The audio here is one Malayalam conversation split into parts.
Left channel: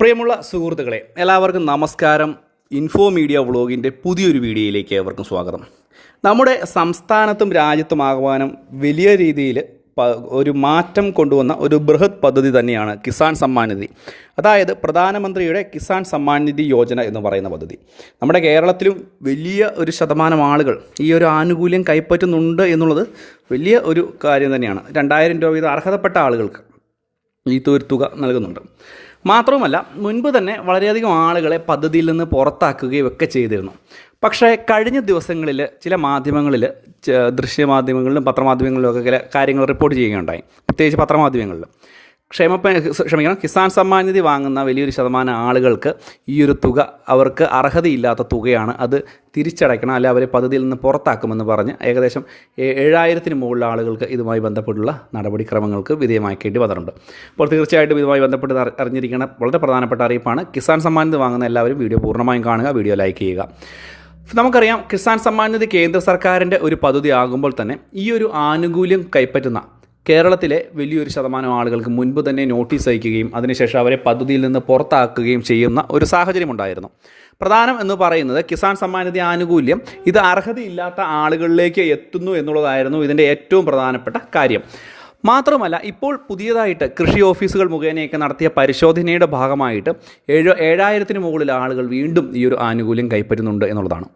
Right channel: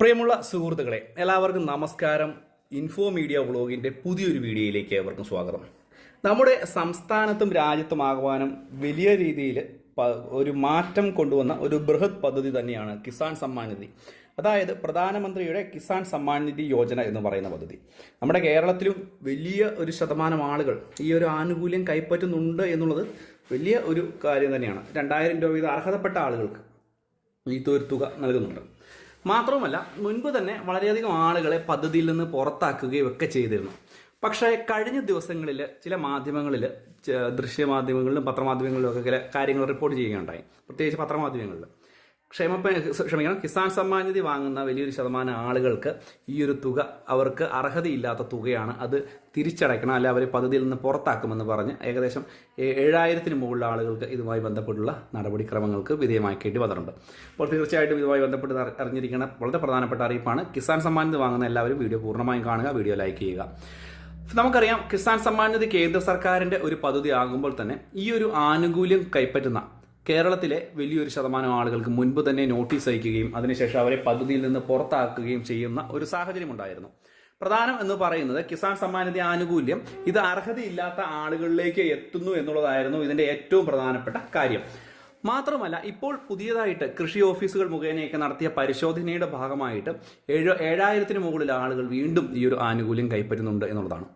പ്രിയമുള്ള സുഹൃത്തുക്കളെ, എല്ലാവർക്കും നമസ്കാരം. ഇൻഫോ മീഡിയ വ്ളോഗിൻ്റെ പുതിയൊരു വീഡിയോയിലേക്ക് ഏവർക്കും സ്വാഗതം. നമ്മുടെ സംസ്ഥാനത്തും രാജ്യത്തുമാകുവാനും വലിയ രീതിയിൽ ഒരു മാറ്റം കൊണ്ടുവന്ന ഒരു ബൃഹത് പദ്ധതി തന്നെയാണ് കിസാൻ സമ്മാൻ നിധി. അതായത് പ്രധാനമന്ത്രിയുടെ കിസാൻ സമ്മാൻ നിധി യോജന എന്ന് പറയുന്ന പദ്ധതി. നമ്മുടെ കേരളത്തിലും വലിയ ഒരു ശതമാനം ആളുകൾ ഈ ഒരു ആനുകൂല്യം കൈപ്പറ്റുന്നുണ്ട് എന്നുള്ളത് വലിയ ഒരു കാര്യം തന്നെയാണ്. 2000 രൂപ വീതം അർഹതപ്പെട്ട ആളുകൾക്ക് ഈ ഒരു തുക നൽകുന്നുണ്ട്. മാത്രവുമല്ല, മുൻപ് തന്നെ വളരെയധികം ആളുകളെ പദ്ധതിയിൽ നിന്ന് പുറത്താക്കുകയും ഒക്കെ ചെയ്തിരുന്നു. പക്ഷേ കഴിഞ്ഞ ദിവസങ്ങളിൽ ചില മാധ്യമങ്ങളിൽ, ദൃശ്യമാധ്യമങ്ങളിലും പത്രമാധ്യമങ്ങളിലും ഒക്കെ ചില കാര്യങ്ങൾ റിപ്പോർട്ട് ചെയ്യുകയുണ്ടായി. പ്രത്യേകിച്ച് പത്രമാധ്യമങ്ങളിൽ കിസാൻ സമ്മാൻ നിധി വാങ്ങുന്ന വലിയൊരു ശതമാനം ആളുകൾക്ക് ഈ ഒരു തുക അവർക്ക് അർഹതയില്ലാത്ത തുകയാണ്, അത് തിരിച്ചടയ്ക്കണം, അല്ലെ അവരെ പദ്ധതിയിൽ നിന്ന് പുറത്താക്കുമെന്ന് പറഞ്ഞ് ഏകദേശം 7000-ന് മുകളിൽ ആളുകൾക്ക് ഇതുമായി ബന്ധപ്പെട്ടുള്ള നടപടിക്രമങ്ങൾക്ക് വിധേയമാക്കേണ്ടി വന്നിട്ടുണ്ട്. അപ്പോൾ തീർച്ചയായിട്ടും ഇതുമായി ബന്ധപ്പെട്ട് അറിഞ്ഞിരിക്കുന്ന വളരെ പ്രധാനപ്പെട്ട അറിയിപ്പാണ്. കിസാൻ സമ്മാൻ നിധി വാങ്ങുന്ന എല്ലാവരും വീഡിയോ പൂർണ്ണമായും കാണുക, വീഡിയോ ലൈക്ക് ചെയ്യുക. നമുക്കറിയാം, കിസാൻ സമ്മാൻ നിധി കേന്ദ്ര സർക്കാരിൻ്റെ ഒരു പദ്ധതി ആകുമ്പോൾ തന്നെ ഈ ഒരു ആനുകൂല്യം കൈപ്പറ്റുന്ന കേരളത്തിലെ വലിയൊരു ശതമാനം ആളുകൾക്ക് മുൻപ് തന്നെ നോട്ടീസ് അയക്കുകയും അതിനുശേഷം അവരെ പദ്ധതിയിൽ നിന്ന് പുറത്താക്കുകയും ചെയ്യുന്ന ഒരു സാഹചര്യമുണ്ടായിരുന്നു. പ്രധാനം എന്ന് പറയുന്നത് കിസാൻ സമ്മാൻ നിധി ആനുകൂല്യം ഇത് അർഹതയില്ലാത്ത ആളുകളിലേക്ക് എത്തുന്നു എന്നുള്ളതായിരുന്നു ഇതിൻ്റെ ഏറ്റവും പ്രധാനപ്പെട്ട കാര്യം. മാത്രമല്ല, ഇപ്പോൾ പുതിയതായിട്ട് കൃഷി ഓഫീസുകൾ മുഖേനയൊക്കെ നടത്തിയ പരിശോധനയുടെ ഭാഗമായിട്ട് 7000-ന് മുകളിൽ ആളുകൾ വീണ്ടും ഈ ഒരു ആനുകൂല്യം കൈപ്പറ്റുന്നുണ്ട് എന്നുള്ളതാണ്.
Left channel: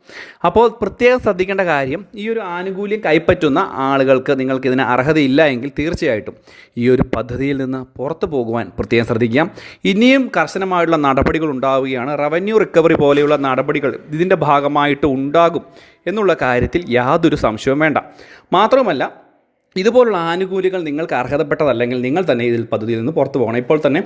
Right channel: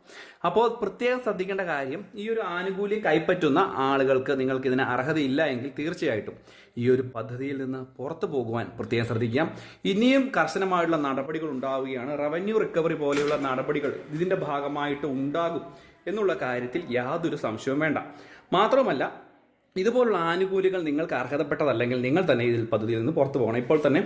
അപ്പോൾ പ്രത്യേകം ശ്രദ്ധിക്കേണ്ട കാര്യം, ഈ ഒരു ആനുകൂല്യം കൈപ്പറ്റുന്ന ആളുകൾക്ക് നിങ്ങൾക്കിതിന് അർഹതയില്ല എങ്കിൽ തീർച്ചയായിട്ടും ഈ ഒരു പദ്ധതിയിൽ നിന്ന് പുറത്തു പോകുവാൻ പ്രത്യേകം ശ്രദ്ധിക്കാം. ഇനിയും കർശനമായുള്ള നടപടികൾ ഉണ്ടാവുകയാണ്. റവന്യൂ റിക്കവറി പോലെയുള്ള നടപടികൾ ഇതിൻ്റെ ഭാഗമായിട്ട് ഉണ്ടാകും എന്നുള്ള കാര്യത്തിൽ യാതൊരു സംശയവും വേണ്ട. മാത്രമല്ല, ഇതുപോലുള്ള ആനുകൂല്യങ്ങൾ നിങ്ങൾക്ക് അർഹതപ്പെട്ടതല്ലെങ്കിൽ നിങ്ങൾ തന്നെ ഇതിൽ പദ്ധതിയിൽ നിന്ന് പുറത്തു പോകണം. ഇപ്പോൾ തന്നെ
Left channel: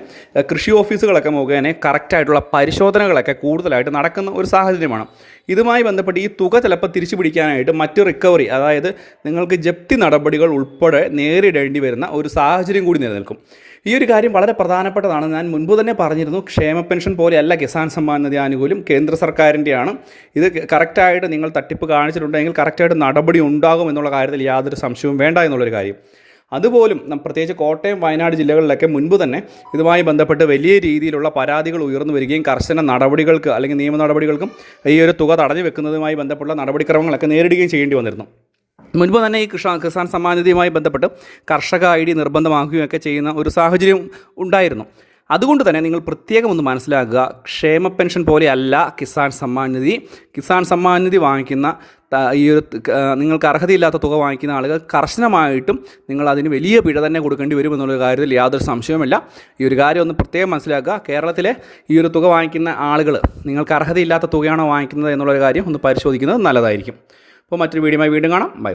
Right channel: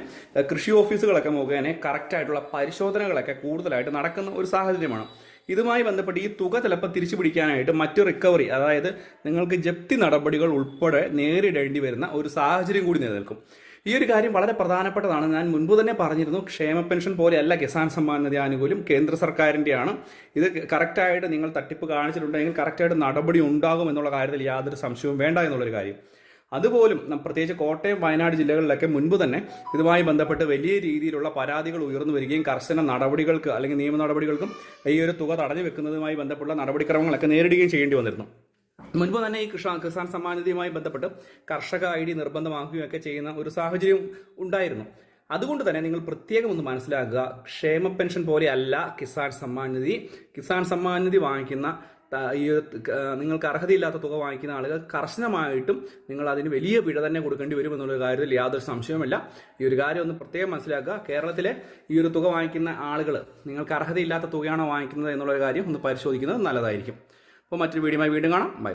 കൃഷി ഓഫീസുകളൊക്കെ മുഖേന കറക്റ്റായിട്ടുള്ള പരിശോധനകളൊക്കെ കൂടുതലായിട്ട് നടക്കുന്ന ഒരു സാഹചര്യമാണ്. ഇതുമായി ബന്ധപ്പെട്ട് ഈ തുക ചിലപ്പോൾ തിരിച്ചു പിടിക്കാനായിട്ട് മറ്റ് റിക്കവറി, അതായത് നിങ്ങൾക്ക് ജപ്തി നടപടികൾ ഉൾപ്പെടെ നേരിടേണ്ടി വരുന്ന ഒരു സാഹചര്യം കൂടി നിലനിൽക്കും. ഈ ഒരു കാര്യം വളരെ പ്രധാനപ്പെട്ടതാണ്. ഞാൻ മുൻപ് തന്നെ പറഞ്ഞിരുന്നു, ക്ഷേമ പെൻഷൻ പോലെയല്ല കിസാൻ സമ്മാൻ നിധി ആനുകൂല്യം, കേന്ദ്ര സർക്കാരിൻ്റെയാണ്. ഇത് കറക്റ്റായിട്ട് നിങ്ങൾ തട്ടിപ്പ് കാണിച്ചിട്ടുണ്ടെങ്കിൽ കറക്റ്റായിട്ട് നടപടി ഉണ്ടാകും എന്നുള്ള കാര്യത്തിൽ യാതൊരു സംശയവും വേണ്ട എന്നുള്ളൊരു കാര്യം. അതുപോലും പ്രത്യേകിച്ച് കോട്ടയം, വയനാട് ജില്ലകളിലൊക്കെ മുൻപ് തന്നെ ഇതുമായി ബന്ധപ്പെട്ട് വലിയ രീതിയിലുള്ള പരാതികൾ ഉയർന്നു വരികയും കർശന നടപടികൾക്ക് അല്ലെങ്കിൽ നിയമ നടപടികൾക്കും ഈ ഒരു തുക തടഞ്ഞു വെക്കുന്നതുമായി ബന്ധപ്പെട്ട നടപടിക്രമങ്ങളൊക്കെ നേരിടുകയും ചെയ്യേണ്ടി വന്നിരുന്നു. മുൻപ് തന്നെ ഈ കിസാൻ സമ്മാൻ നിധിയുമായി ബന്ധപ്പെട്ട് കർഷക ID നിർബന്ധമാക്കുകയൊക്കെ ചെയ്യുന്ന ഒരു സാഹചര്യം ഉണ്ടായിരുന്നു. അതുകൊണ്ട് തന്നെ നിങ്ങൾ പ്രത്യേകം ഒന്ന് മനസ്സിലാക്കുക, ക്ഷേമ പെൻഷൻ പോലെയല്ല കിസാൻ സമ്മാൻ നിധി. കിസാൻ സമ്മാൻ നിധി വാങ്ങിക്കുന്ന ഈ ഒരു നിങ്ങൾക്ക് അർഹതയില്ലാത്ത തുക വാങ്ങിക്കുന്ന ആളുകൾ കർശനമായിട്ടും നിങ്ങൾ അതിന് വലിയ പിഴ തന്നെ കൊടുക്കേണ്ടി വരും എന്നുള്ള കാര്യത്തിൽ യാതൊരു സംശയവുമില്ല. ഈ ഒരു കാര്യം ഒന്ന് പ്രത്യേകം മനസ്സിലാക്കുക. കേരളത്തിലെ ഈ ഒരു തുക വാങ്ങിക്കുന്ന ആളുകൾ നിങ്ങൾക്ക് അർഹതയില്ലാത്ത തുകയാണോ വാങ്ങിക്കുന്നത് എന്നുള്ളൊരു കാര്യം ഒന്ന് പരിശോധിക്കുന്നത് നല്ലതായിരിക്കും. അപ്പോൾ മറ്റൊരു വീഡിയോയുമായി വീണ്ടും കാണാം. ബൈ.